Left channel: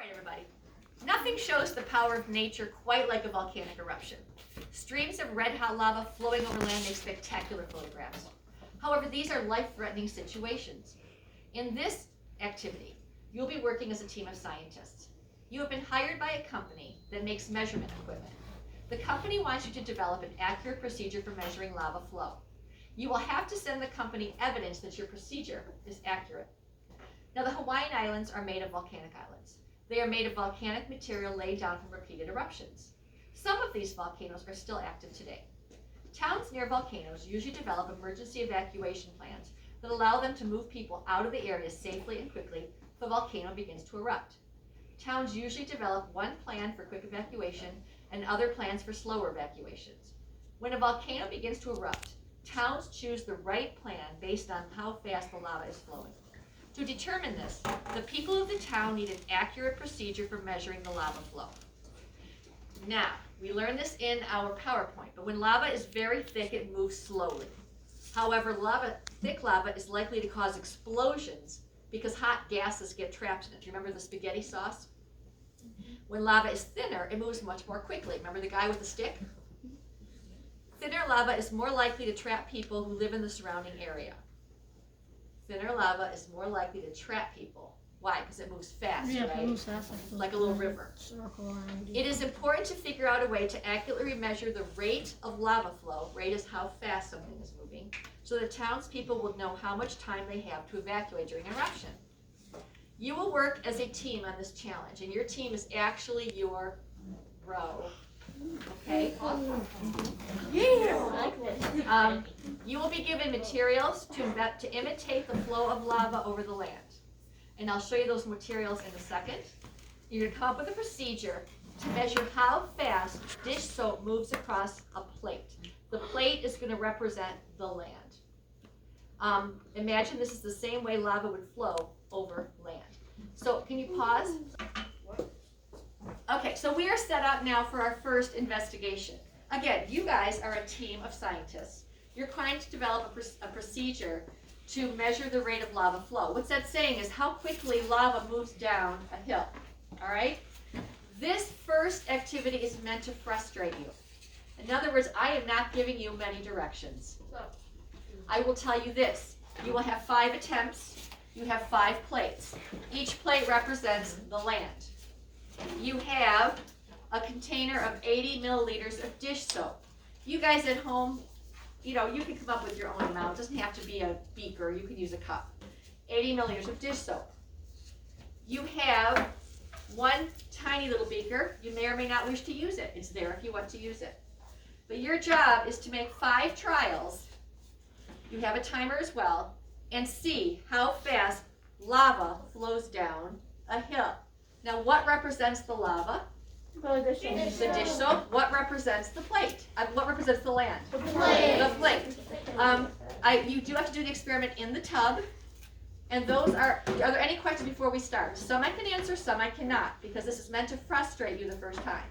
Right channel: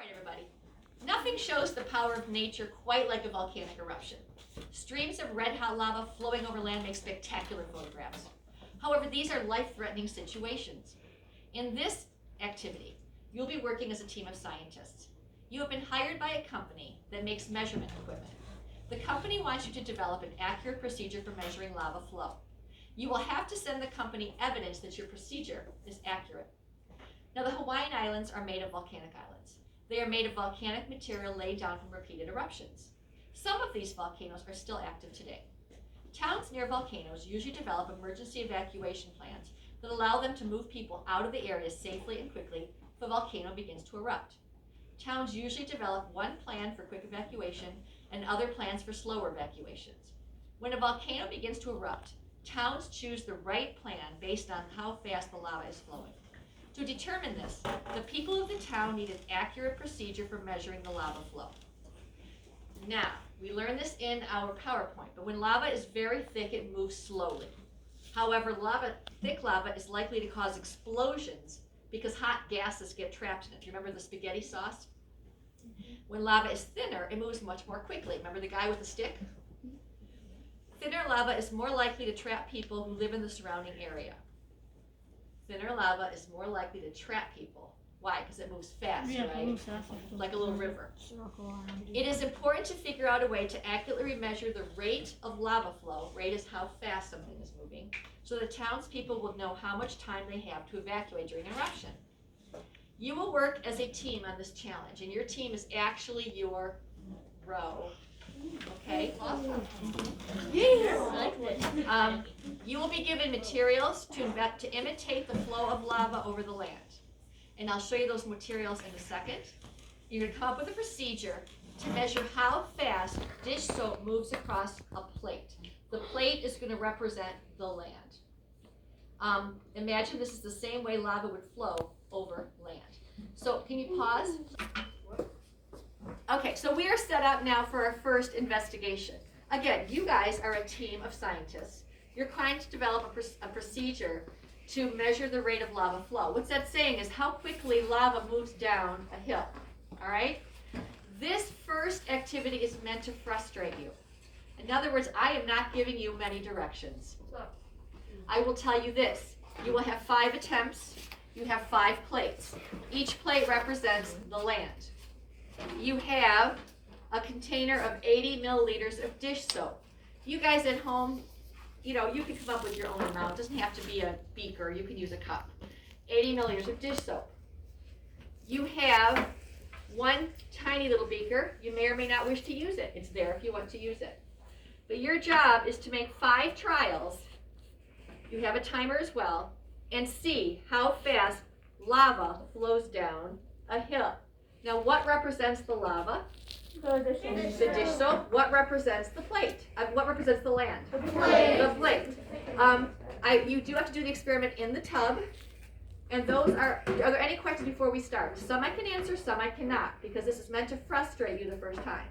right, everybody. Nothing shows the power of nature quite like a volcanic eruption. Streams of red-hot lava flowing over land make spectacular photographs. However, these are life-threatening situations. In this activity, you'll be working as a team of scientists. You have been hired by a company that makes measurement equipment. The company wants you to develop an accurate procedure for measuring lava flow. You will have to send the company evidence that your procedure is accurate. Now, the Hawaiian Islands are made of volcanic islands. They are made of volcanic material laid down from repeated eruptions. Some of these volcanoes are still active today. Towns near volcanoes usually develop emergency evacuation plans that allow them to move people out of the area safely and quickly if a volcano begins to erupt. Towns usually develop one plan for quick evacuation and other plans for slower evacuations. When a volcano begins to erupt, towns choose the right plan based on how fast the lava is flowing. To determine this, the people of the town need an accurate procedure for measuring the lava flow. Now, we learned this in our PowerPoint, but when lava is very thick, it moves slowly. However, thick lava is likely to cause explosions because hot gases get trapped in it. Do you remember the spaghetti sauce? When lava is thinner, it moves much more quickly. Remember the guy with the stick? Thinner lava is more likely to trap people who live in the surrounding area. Thinner lava is more likely to trap people. Why? Because it moves fast, right? It moves fast, like a little river. It is important to figure out a way to accurately measure the rate of lava flow. Rate is how fast something is moving, so the townspeople will know how much time they have to evacuate during an eruption. You will work as a team on this challenge, and your team is actually your row. Okay? Awesome. Yeah. You will be given materials to imitate the flow of lava over the land. And I'll show you those materials in a second. You're going to come up with a procedure to measure how fast dish soap moves across a plate. The plate is going to represent the land. Imagine this is the same way lava would flow over land. So can you pause? Okay, so we are set up now for our first investigation. Again, you guys are a team of scientists. You're trying to develop a procedure to measure the rate of lava flow. What's that saying is how quickly lava moves down a hill, all right? This first activity is meant to frustrate you. In other words, I am not giving you many directions. I will tell you this. You will have 5 attempts. You have 5 plates. Each plate represents the land. You have a container of 80 milliliters of dish soap. You guys at home, you can come up with your own amount. It doesn't have to be a beaker. You can use a cup. 80 milliliters of dish soap. You have one tiny little beaker. You may or may not wish to use it. It's there if you want to use it. But your job is to make 5 trials. You have a timer as well. And see how fast lava flows down a hill. Now, what represents the lava? The dish soap. What represents the plate? What represents the land? The plate. The plate. You do have to do the experiment in the tub. And those are there any questions before we start? Some I can answer, some I cannot, because this is meant to frustrate you the first time.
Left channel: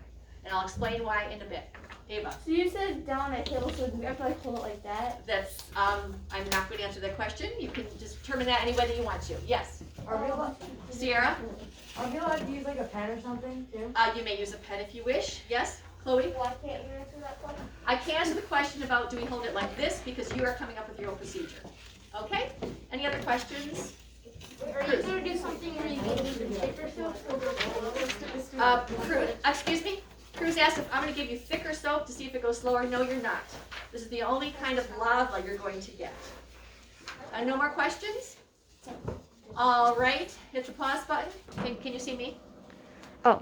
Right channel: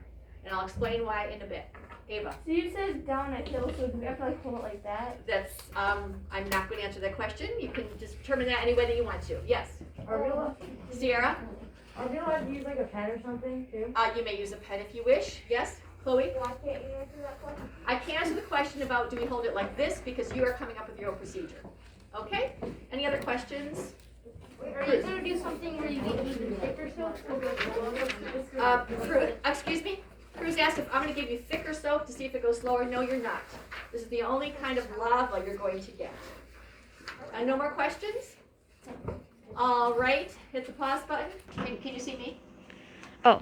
And I'll explain why in a bit. Ava. So you said down a hill, so do we have to pull it like that? That's, I'm not going to answer that question. You can determine that any way that you want to. Yes. Sierra? Are we allowed to use like a pen or something too? You may use a pen if you wish. Yes, Chloe? Why can't you answer that question? I can't answer the question about do we hold it like this because you are coming up with your own procedure. Okay? Any other questions? Wait, are you going to do something where you get even thicker soap? Excuse me? Cruz asked if I'm going to give you thicker soap to see if it goes slower. No, you're not. This is the only kind of lava you're going to get. No more questions? All right. Hit the pause button. Can you see me? Oh.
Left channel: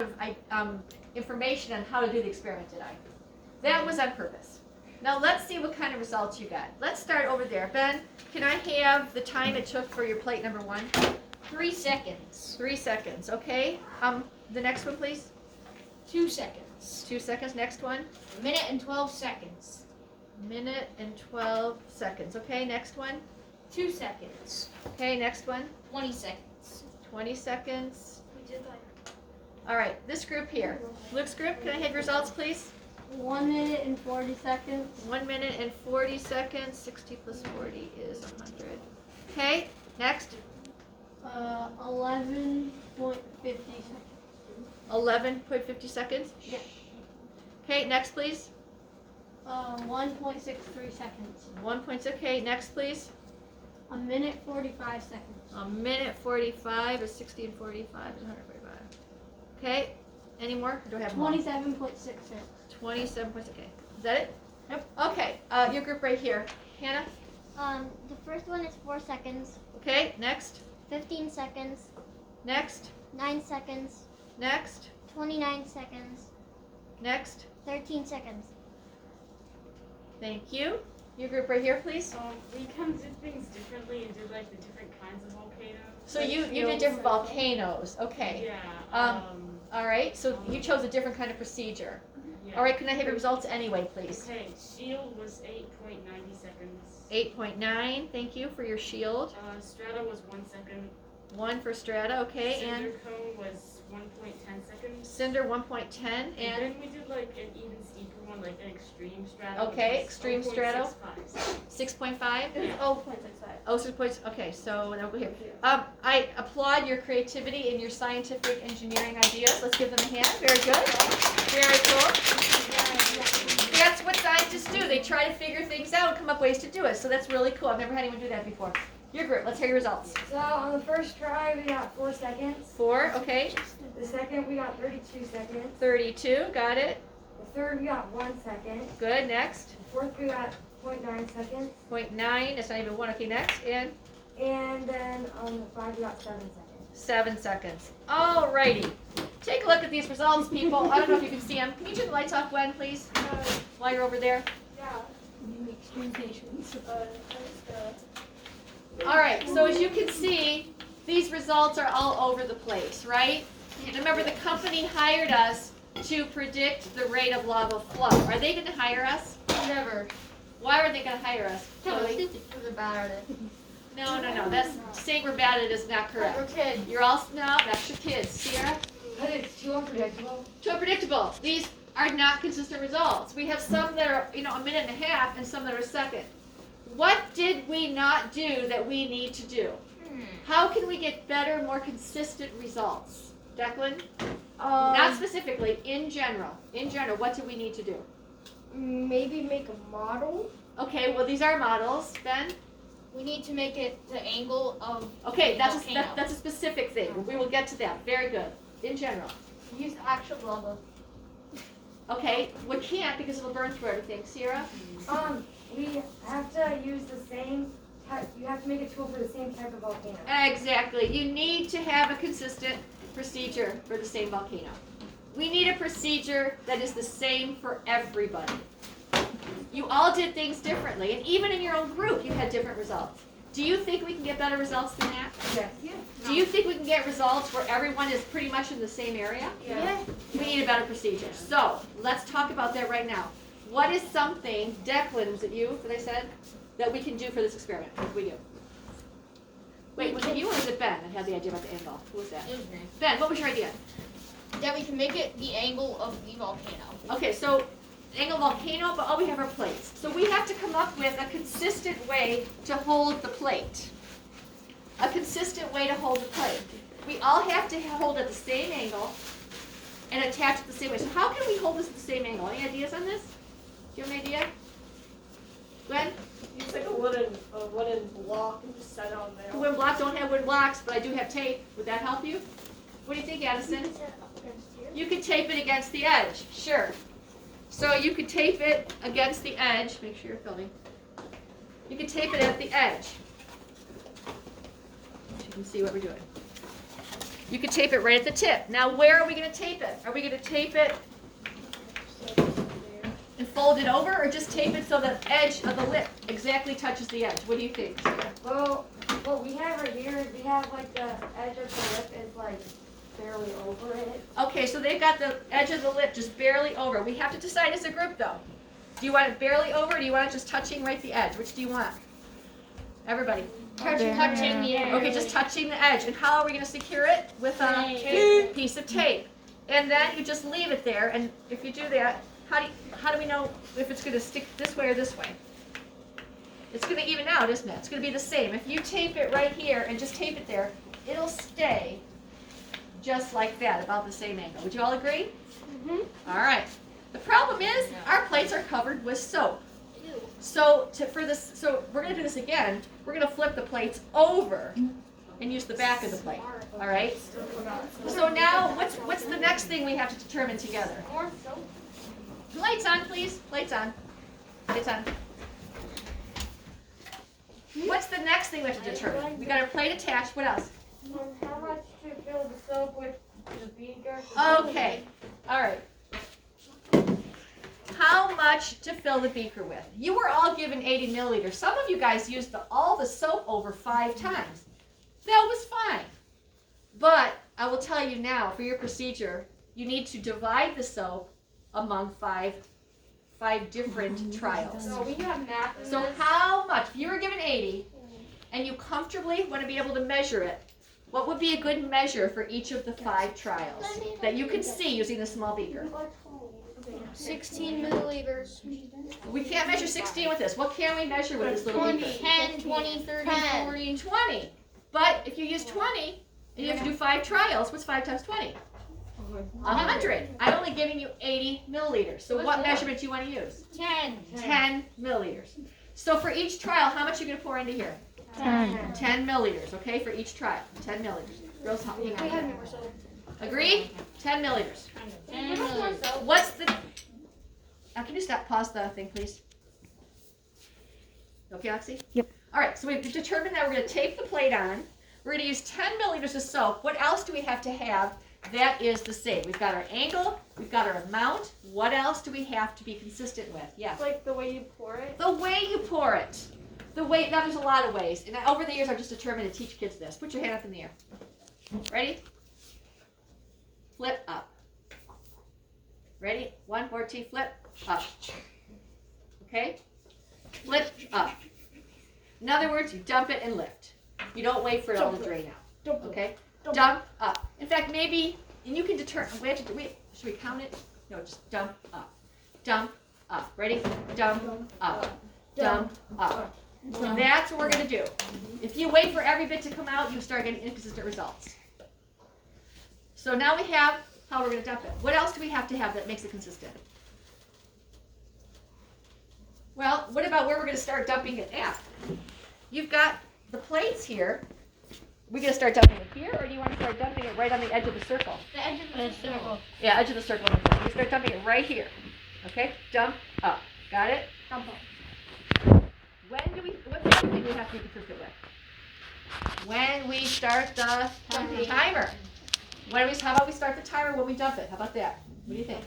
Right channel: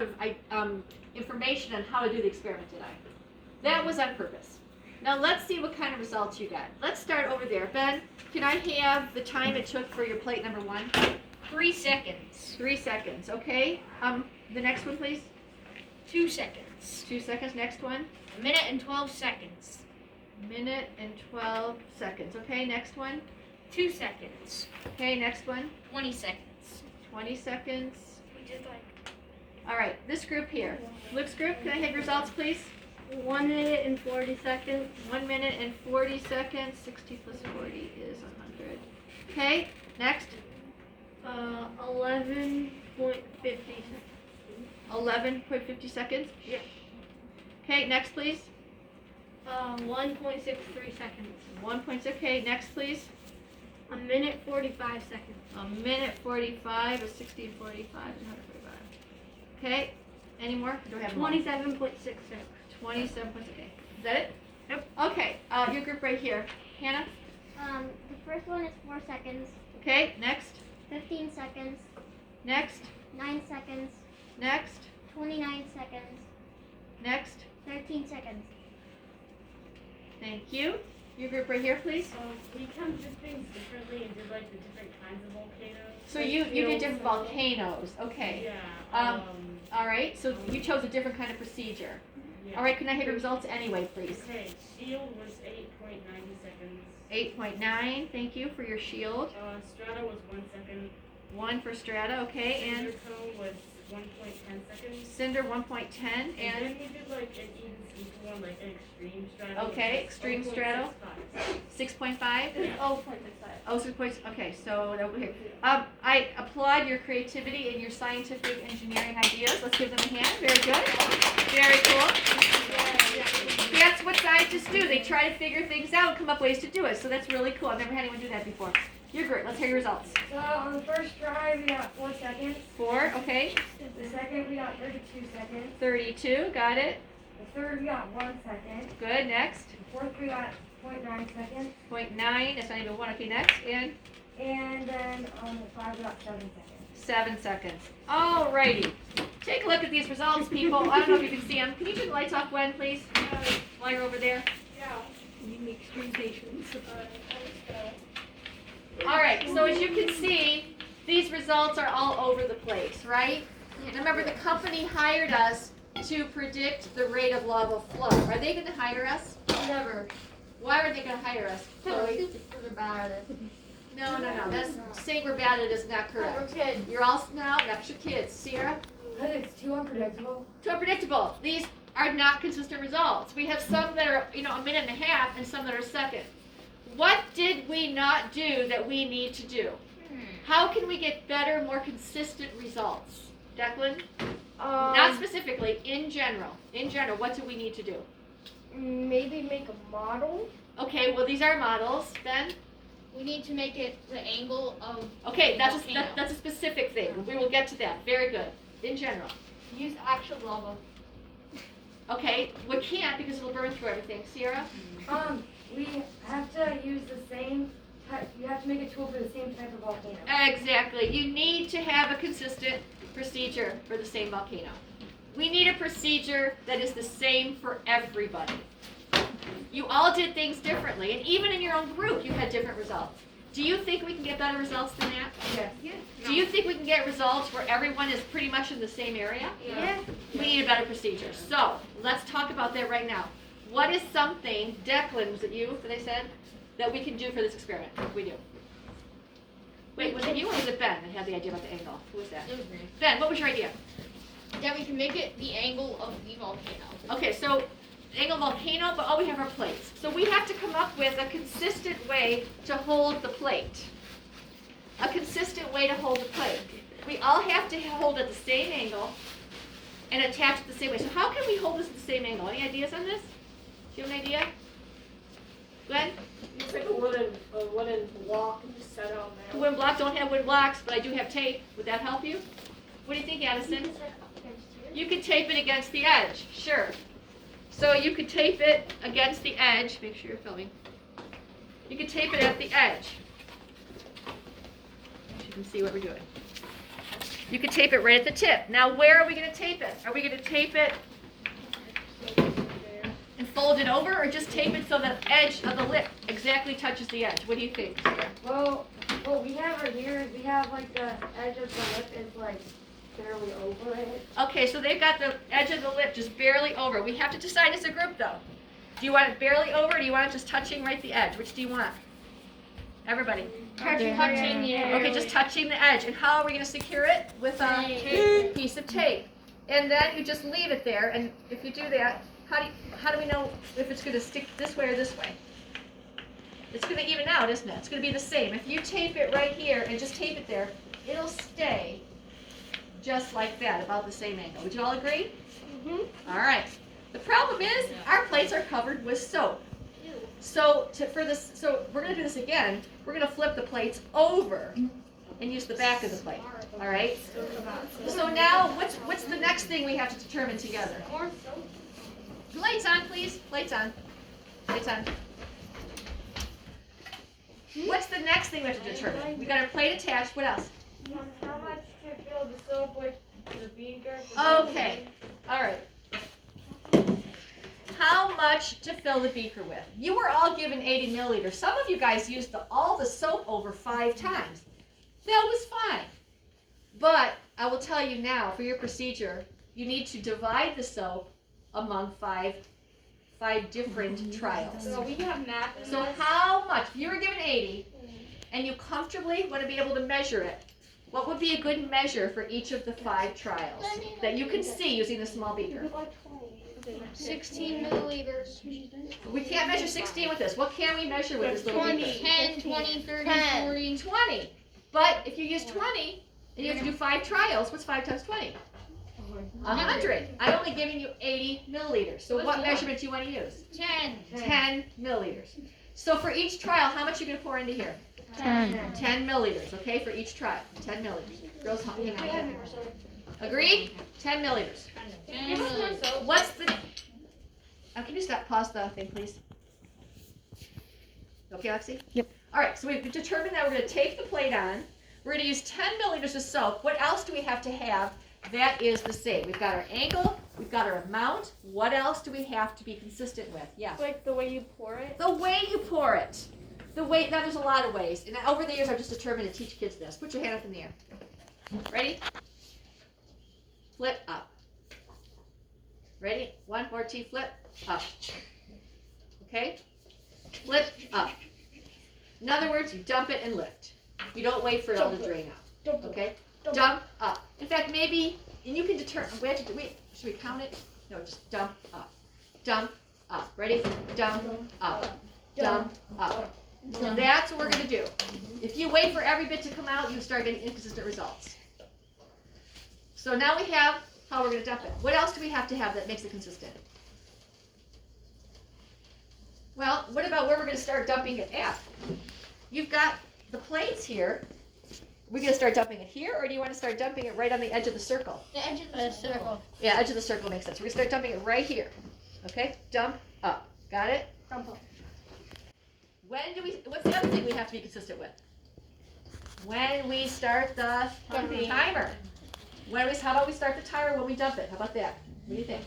Information on how to do the experiment today. That was on purpose. Now let's see what kind of results you got. Let's start over there. Ben, can I have the time it took for your plate number 1? 3 seconds. 3 seconds. Okay. The next one, please. 2 seconds. 2 seconds. Next one. 1 minute and 12 seconds. 1 minute and 12 seconds. Okay. Next one. 2 seconds. Okay. Next one. 20 seconds. 20 seconds. We did like. All right. This group here. Luke's group. Can I have your results, please? 1 minute and 40 seconds. 1 minute and 40 seconds. 60 plus 40 is 100. Okay. Next. 11.50 seconds. 11.50 seconds. Yeah. Okay, next please. 1.63 seconds. 1.6. Okay, next please. 1 minute 45 seconds. 1 minute 45 is 60 and 45 and 145. Okay, any more? Do I have more? 27.66. 27 points. Okay, is that it? Yep. Okay, your group right here. Hannah? The first one is 4 seconds, Okay, next. 15 seconds, Next. 9 seconds, Next. 29 seconds, Next. 13 seconds. Thank you. Your group right here, please. We kind of did things differently and did like the different kinds of volcanoes. So like you did fields different and- volcanoes. Okay. Yeah. All right. So you chose a different kind of procedure. Yeah. All right. Can I have your results anyway, please? Okay, shield was 8.90 seconds. 8.9. Thank you for your shield. Strata was 1 second. 1 for strata. Okay. Cinder And cone was 1.10 seconds. cinder 1.10. And And then we did like an even steeper one, like an extreme strata. Okay, which was extreme strata. 0.65. 6.5. Oh, 0.65. Oh, 6 points. Okay. So over here. I applaud your creativity and your scientific engineering ideas. Let's give them a hand. Very good. Very cool. That's what scientists do. They try to figure things out and come up ways to do it. So that's really cool. I've never had anyone do that before. You're great. Let's hear your results. So on the first try, we got 4 seconds. 4. Okay. The second, we got 32 seconds. 32. Got it. The third, we got 1 second. Good. Next. The fourth, we got 0.9 seconds. 0.9. That's not even 1. Okay. Next. And And then on the 5, we got 7 seconds. 7 seconds. Alrighty. Take a look at these results, people. I don't know if you can see them. Can you turn the lights off, Gwen, please? While you're over there. You make extreme patients. Alright, so as you can see, these results are all over the place, right? And remember, the company hired us to predict the rate of lava flow. Are they going to hire us? Never. Why are they going to hire us? Chloe? We're bad at it. No. That's saying we're bad at it is not We're correct. kids. You're all no, that's your kids. Sierra? But it's too unpredictable. Too unpredictable. These are not consistent results. We have some that are, a minute and a half and some that are a second. What did we not do that we need to do? How can we get better, more consistent results? Declan? Not specifically, in general. In general, what do we need to do? Maybe make a model. Okay, well, these are models. Ben? We need to make it the angle of. Okay, that's a specific thing. We will get to that. Very good. In general. Use actual lava. Okay, we can't because it'll burn through everything. Sierra? We have to use the same type, you have to make a tool for the same type of volcano. Exactly. You need to have a consistent procedure for the same volcano. We need a procedure that is the same for everybody. You all did things differently, and even in your own group, you had different results. Do you think we can get better results than that? Yes. Do you think we can get results where everyone is pretty much in the same area? Yeah. We need a better procedure. So, let's talk about that right now. What is something, Declan, was it you that I said, that we can do for this experiment? What can we do? Wait, was it you or was it Ben that had the idea about the angle? Who was that? It was me. Ben, what was your idea? That we can make it the angle of the volcano. Okay, so angle volcano, but all we have are plates. So we have to come up with a consistent way to hold the plate. A consistent way to hold the plate. We all have to hold at the same angle and attach it the same way. So how can we hold this at the same angle? Any ideas on this? Do you have an idea? Glenn? Use like a wooden block and just set it on there. The wooden block, don't have wooden blocks, but I do have tape. Would that help you? What do you think, Addison? You could tape it against the edge, sure. So you could tape it against the edge. Make sure you're filming. You could tape it at the edge. You can see what we're doing. You could tape it right at the tip. Now where are we going to tape it? Are we going to tape it and fold it over, or just tape it so the edge of the lip exactly touches the edge? What do you think, Sarah? Well, what we have right here is we have like the edge of the lip is like barely over it. Okay, so they've got the edge of the lip just barely over. We have to decide as a group, though. Do you want it barely over, or do you want it just touching right the edge? Which do you want? Everybody. Touching the edge. Okay, just touching the edge. And how are we going to secure it? With a piece of tape. And then you just leave it there. And if you do that, how do we know if it's going to stick this way or this way? It's going to even out, isn't it? It's going to be the same. If you tape it right here and just tape it there, it'll stay just like that, about the same angle. Would you all agree? All right. The problem is our plates are covered with soap. So we're going to do this again. We're going to flip the plates over and use the back of the plate. All right. So now, what's the next thing we have to determine together? Lights on, please. Lights on. Lights on. What's the next thing we have to determine? We got our plate attached. What else? How much to fill the soap with the beaker? Okay. All right. How much to fill the beaker with? You were all given 80 milliliters. Some of you guys used all the soap over 5 times. That was fine. But I will tell you now, for your procedure, you need to divide the soap among five different trials. So we have napkins. So how much? You were given 80, and you comfortably want to be able to measure it. What would be a good measure for each of the 5 trials that you can see using the small beaker? 16 milliliters. We can't measure 16 with this. What can we measure with this little beaker? 10, 20, 30, 40. 20. But if you use 20 and you have to do 5 trials, what's 5 times 20? 100. I'm only giving you 80 milliliters. So what measurement do you want to use? 10. 10 milliliters. So for each trial, how much are you going to pour into here? 10 milliliters, okay, for each trial. 10 milliliters. Girls, hang on here. Agreed? 10 milliliters. 10 milliliters. What's the... can you pause the thing, please? Okay, Lexi? Yep. All right, so we've determined that we're going to tape the plate on. We're going to use 10 milliliters of soap. What else do we have to have that is the same? We've got our angle. We've got our amount. What else do we have to be consistent with? Yeah. Like the way you pour it? The way you pour it. Now there's a lot of ways. And over the years, I've just determined to teach kids this. Put your hand up in the air. Ready? Flip up. Ready? 1, 4, 2, flip up. Okay? Flip up. In other words, you dump it and lift. You don't wait for it all to drain out. Okay? Dump up. In fact, maybe, and you can determine, should we count it? No, just dump up. Dump up. Ready? Dump up. Dump up. So that's what we're going to do. If you wait for every bit to come out, you start getting inconsistent results. So now we have how we're going to dump it. What else do we have to have that makes it consistent? Well, what about where we're going to start dumping it at? You've got the plates here. We're going to start dumping it here, or do you want to start dumping it right on the edge of the circle? The edge of the circle. Yeah, edge of the circle makes sense. We start dumping it right here. Okay? Dump up. Got it? Dump up. What's the other thing we have to be consistent with? When we start the timer. How about we start the timer when we dump it? How about that? What do you think?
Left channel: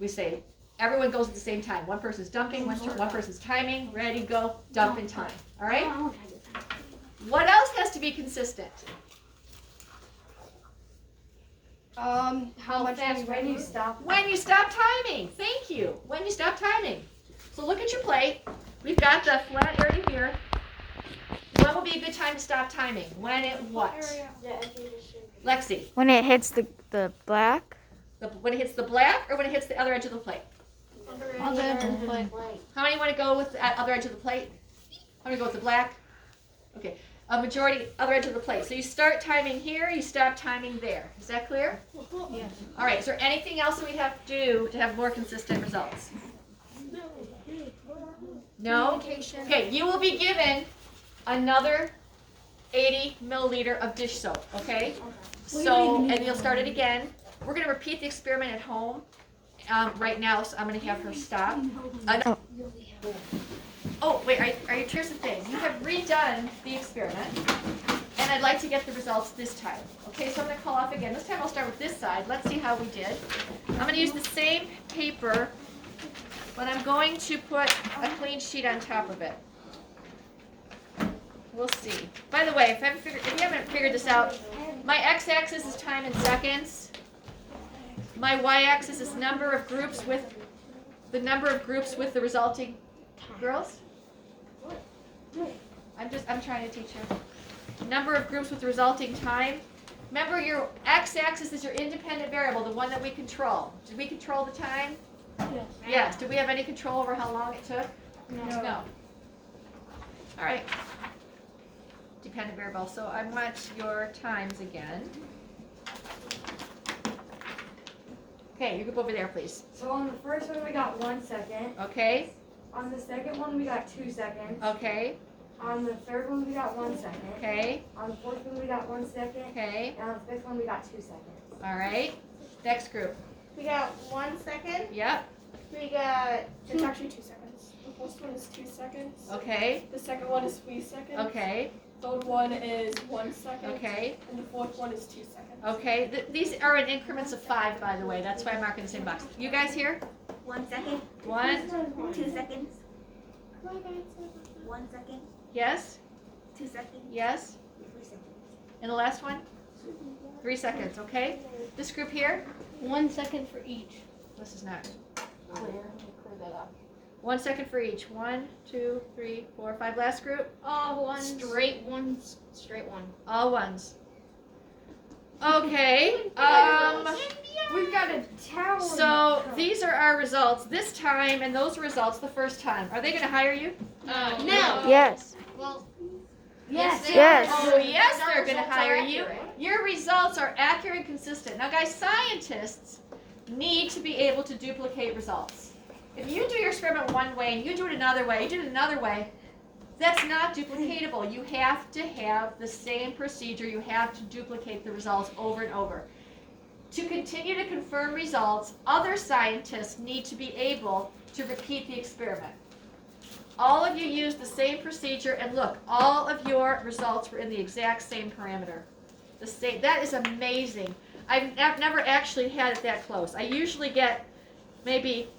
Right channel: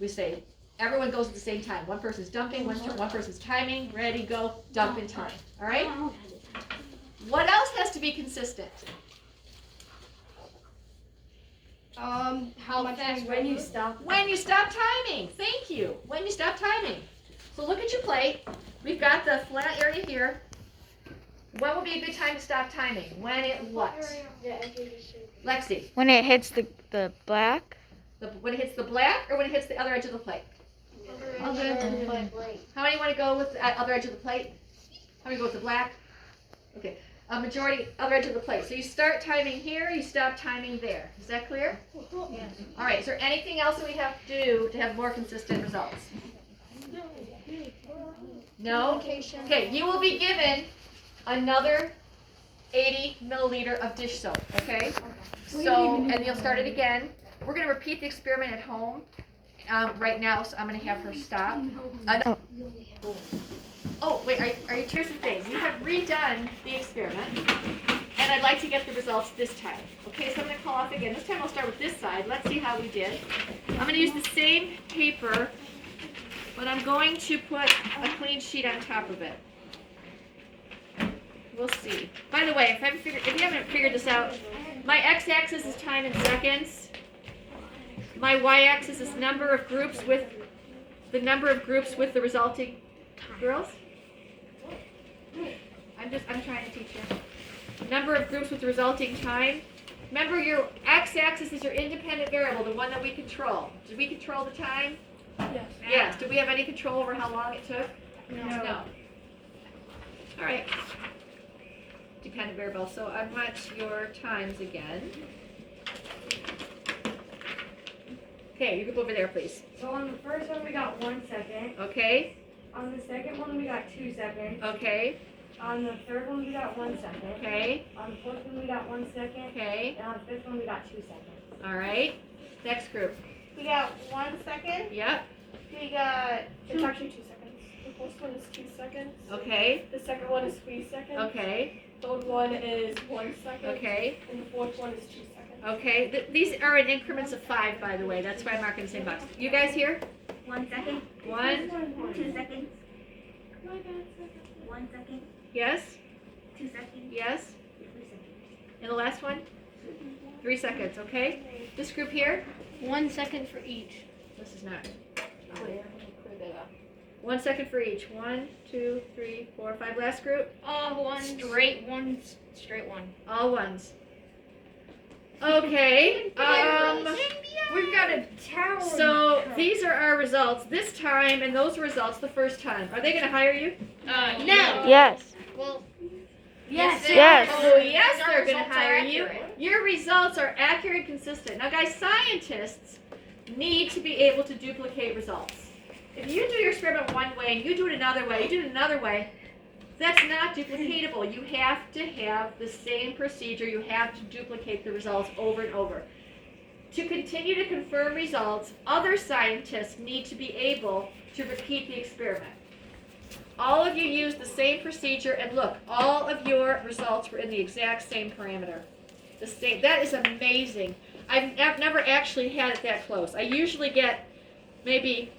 We say, everyone goes at the same time. One person's dumping, one person's timing. Ready, go, dump in time. All right? What else has to be consistent? How fast? When you stop. When you stop timing. Thank you. When you stop timing. So look at your plate. We've got the flat area here. When would be a good time to stop timing? When it what? Lexi. When it hits the black. When it hits the black or when it hits the other edge of the plate? Other edge of the plate. How many want to go with the other edge of the plate? How many go with the black? Okay. A majority other edge of the plate. So you start timing here, you stop timing there. Is that clear? Yes. All right. Is there anything else that we have to do to have more consistent results? No? Okay, you will be given another 80 milliliter of dish soap, okay? So, and you'll start it again. We're going to repeat the experiment at home right now, so I'm going to have her stop. Oh, wait, here's the thing. You have redone the experiment, and I'd like to get the results this time. Okay, so I'm going to call off again. This time I'll start with this side. Let's see how we did. I'm going to use the same paper, but I'm going to put a clean sheet on top of it. We'll see. By the way, if you haven't figured this out, my x-axis is time in seconds. My y-axis is number of groups with the resulting girls. I'm trying to teach you. Number of groups with the resulting time. Remember, your x-axis is your independent variable, the one that we control. Did we control the time? Yes. Yes. Did we have any control over how long it took? No. All right. Dependent variable. So I want your times again. Okay, you group over there, please. So on the first one we got 1 second. Okay, On the second one we got 2 seconds. okay, On the third one we got 1 second. okay, On the fourth one we got 1 second. okay. And on the fifth one we got 2 seconds. All right. Next group. We got 1 second. Yep. We got It's actually 2 seconds. The first one is 2 seconds. Okay, The second one is 3 seconds. okay, Third one is 1 second. okay, And the fourth one is 2 seconds. okay. These are in increments of 5, by the way. That's why I'm marking the same box. You guys here? 1 second, 1, 2 seconds, 1 second, yes, 2 seconds, yes. 3 seconds. And the last one? 3 seconds, okay? This group here? 1 second for each. This is not. 1 second for each. 1, 2, 3, 4, 5. Last group? One straight one. Straight one. All ones. Okay. we've got a tower. So these are our results this time, and those results the first time. Are they going to hire you? No. Yes. Well, Yes. they Yes. are. Oh, yes, Our they're going to results are hire you. accurate. Your results are accurate and consistent. Now, guys, scientists need to be able to duplicate results. If you do your experiment one way and you do it another way, you do it another way, that's not duplicatable. You have to have the same procedure. You have to duplicate the results over and over. To continue to confirm results, other scientists need to be able to repeat the experiment. All of you used the same procedure, and look, all of your results were in the exact same parameter. The same. That is amazing. I've never actually had it that close. I usually get maybe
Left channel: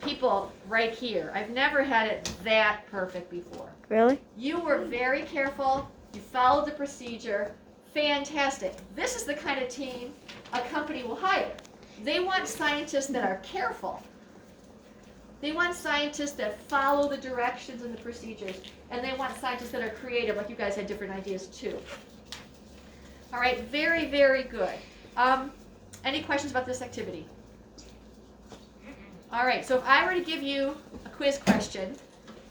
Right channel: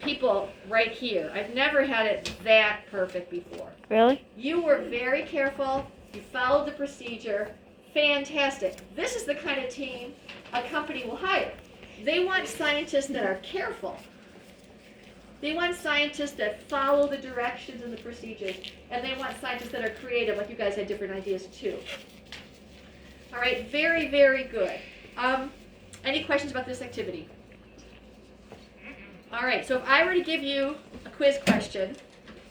people right here. I've never had it that perfect before. Really? You were very careful. You followed the procedure. Fantastic. This is the kind of team a company will hire. They want scientists that are careful. They want scientists that follow the directions and the procedures. And they want scientists that are creative, like you guys had different ideas too. All right, very, very good. Any questions about this activity? All right, so if I were to give you a quiz question,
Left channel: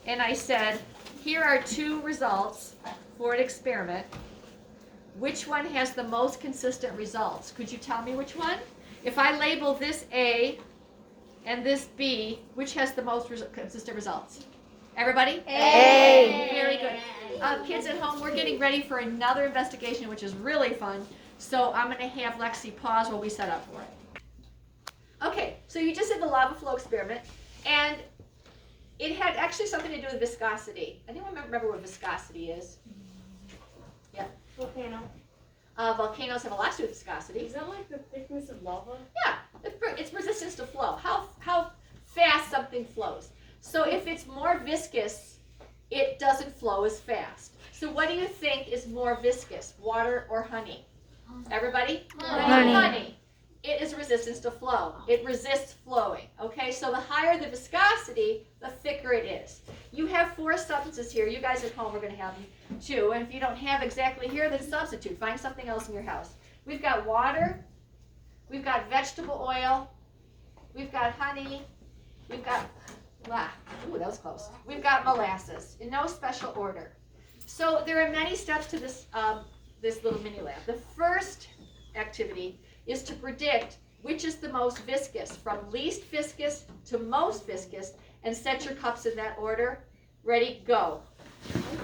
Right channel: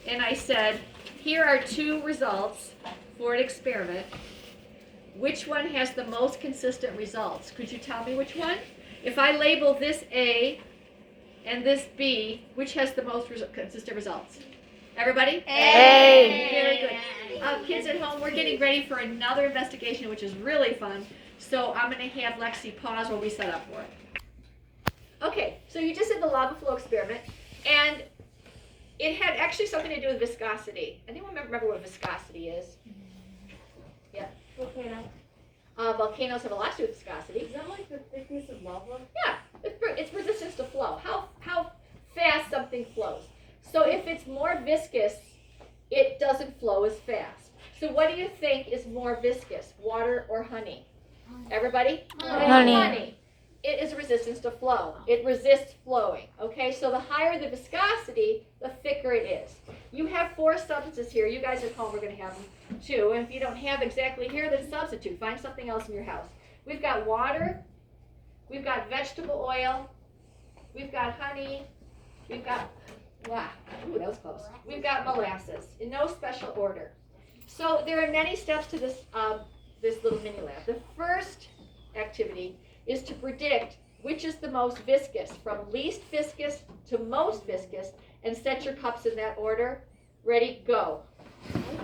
and I said, here are 2 results for an experiment, which one has the most consistent results? Could you tell me which one? If I label this A and this B, which has the most consistent results? Everybody? A. Very good. Kids at home, we're getting ready for another investigation, which is really fun. So I'm going to have Lexi pause while we set up for it. Okay, so you just did the lava flow experiment, and it had actually something to do with viscosity. Anyone remember what viscosity is? Volcano. Volcanoes have a lot to do with viscosity. Is that like the thickness of lava? Yeah, it's resistance to flow. How fast something flows. So if it's more viscous, it doesn't flow as fast. So what do you think is more viscous, water or honey? Everybody? Honey. It is resistance to flow. It resists flowing. Okay, so the higher the viscosity, the thicker it is. You have 4 substances here. You guys at home are going to have them too. And if you don't have exactly here, then substitute. Find something else in your house. We've got water. We've got vegetable oil. We've got honey. We've got, ooh, that was close. We've got molasses in no special order. So there are many steps to this, this little mini lab. The first activity is to predict which is the most viscous, from least viscous to most viscous, and set your cups in that order. Ready, go.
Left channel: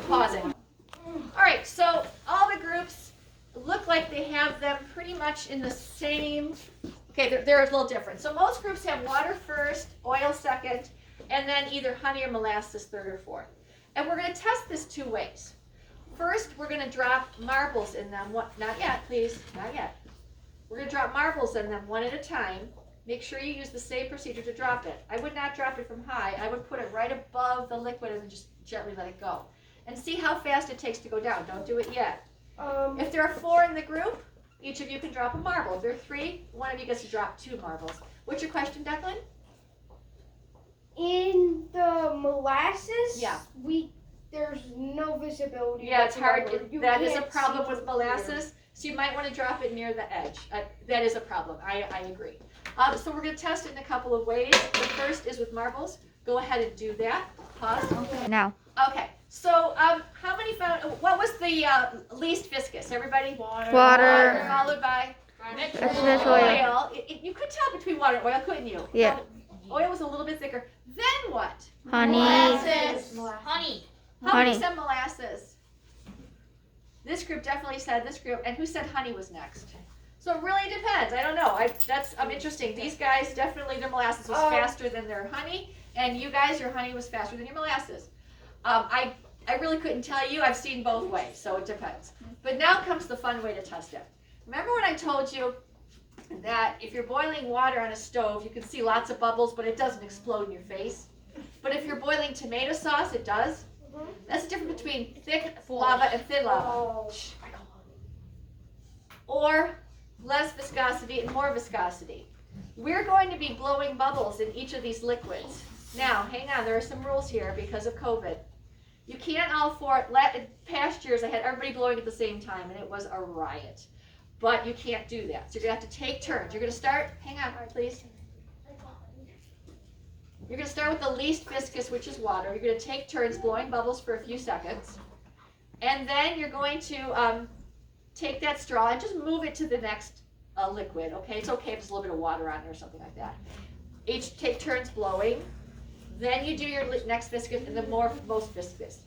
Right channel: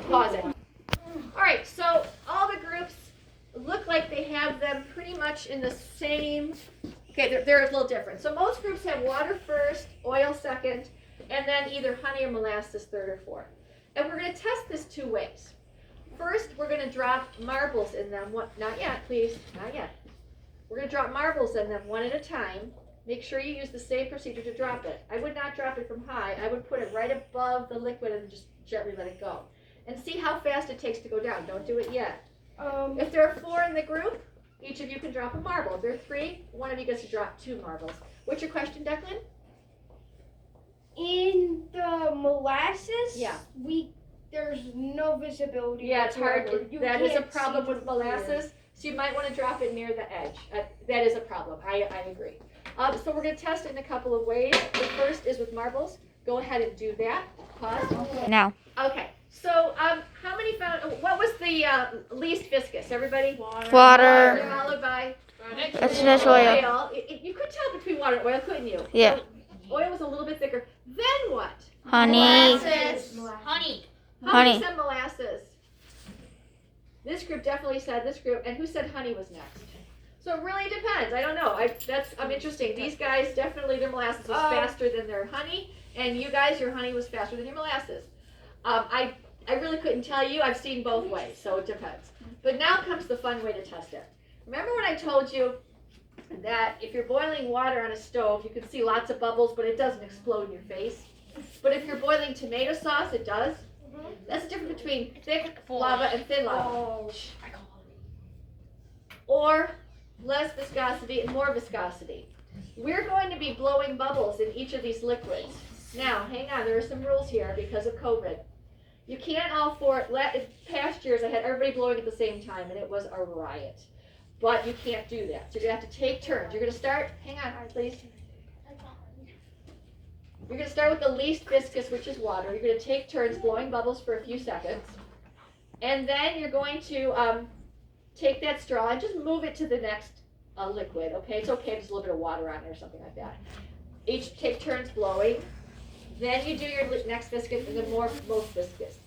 Pause it. All right, so all the groups look like they have them pretty much in the same, okay, they're a little different. So most groups have water first, oil second, and then either honey or molasses third or fourth. And we're going to test this 2 ways. First, we're going to drop marbles in them. Not yet, please, not yet. We're going to drop marbles in them one at a time. Make sure you use the same procedure to drop it. I would not drop it from high. I would put it right above the liquid and just gently let it go. And see how fast it takes to go down. Don't do it yet. If there are 4 in the group, each of you can drop a marble. If there are 3, one of you gets to drop 2 marbles. What's your question, Declan? In the molasses, Yeah. there's no visibility. Yeah, it's hard. whatsoever. You That is a can't problem see with the molasses. So you might want to drop it near the edge. That is a problem. I agree. So we're going to test it in a couple of ways. The first is with marbles. Go ahead and do that. Pause. Now. Okay. So how many found? What was the least viscous? Everybody. Water. Followed by Vegetable oil. You could tell between water and oil, couldn't you? Yeah. Oil was a little bit thicker. Then what? Honey. Molasses. Honey. How many Honey. said molasses? This group definitely said this group, and who said honey was next? So it really depends. I don't know. I'm interesting. These guys definitely their molasses was faster than their honey, and you guys, your honey was faster than your molasses. I really couldn't tell you. I've seen both ways, so it depends. But now comes the fun way to test it. Remember when I told you that if you're boiling water on a stove, you can see lots of bubbles, but it doesn't explode in your face. But if you're boiling tomato sauce, it does. That's the difference between thick lava and thin lava. Or less viscosity and more viscosity. We're going to be blowing bubbles in each of these liquids. Now, hang on, there are some rules here because of COVID. You can't past years I had everybody blowing at the same time and it was a riot. But you can't do that. So you're going to have to take turns. You're going to start, hang on, please. You're going to start with the least viscous, which is water. You're going to take turns blowing bubbles for a few seconds. And then you're going to take that straw and just move it to the next liquid, okay? It's okay if there's a little bit of water on it or something like that. Each take turns blowing. Then you do your next viscous and the most viscous.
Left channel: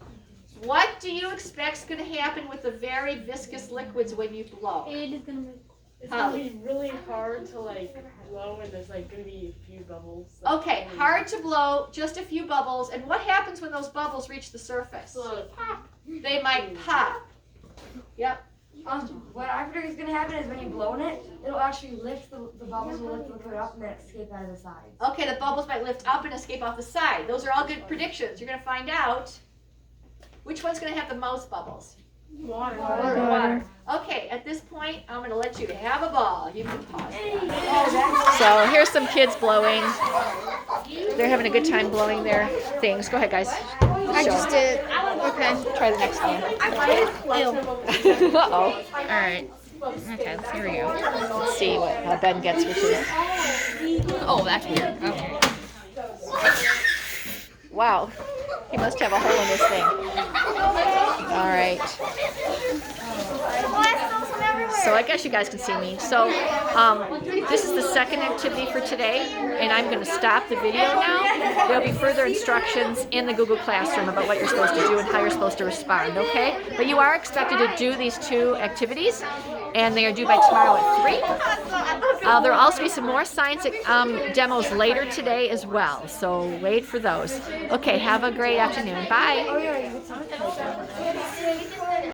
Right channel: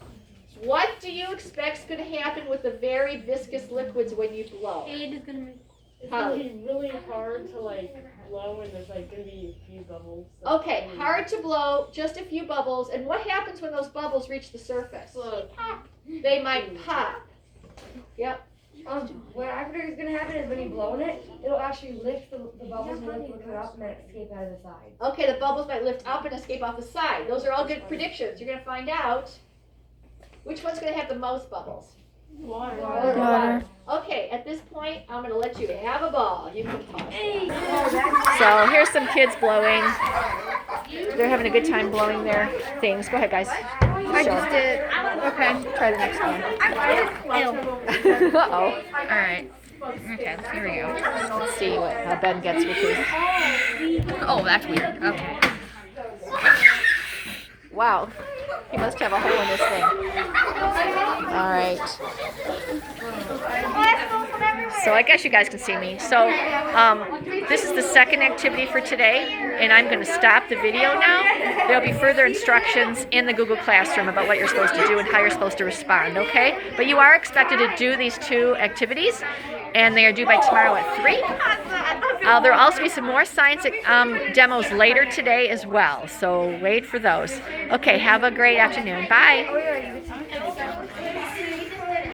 What do you expect is going to happen with the very viscous liquids when you blow? It is gonna make. It's gonna be really hard to like blow, and there's like gonna be a few bubbles. Like, Okay, hard to blow, just a few bubbles. And what happens when those bubbles reach the surface? They might pop. Yep. What I predict is gonna happen is when you blow in it, it'll actually lift the bubbles and lift the liquid up and then escape out of the sides. Okay, the bubbles might lift up and escape off the side. Those are all good predictions. You're going to find out which one's going to have the most bubbles. Water. Okay, at this point, I'm going to let you have a ball. You can pause. So here's some kids blowing. They're having a good time blowing their things. Go ahead, guys. I just did. Okay. Try the next one. Uh-oh. All right. Okay. Here we go. Let's see what Ben gets, which is... Oh, that's weird. Okay. Wow. He must have a hole in this thing. All right. So I guess you guys can see me. So this is the second activity for today, and I'm going to stop the video now. There'll be further instructions in the Google Classroom about what you're supposed to do and how you're supposed to respond, okay? But you are expected to do these two activities, and they are due by tomorrow at 3. There will also be some more science demos later today as well, so wait for those. Okay, have a great afternoon. Bye.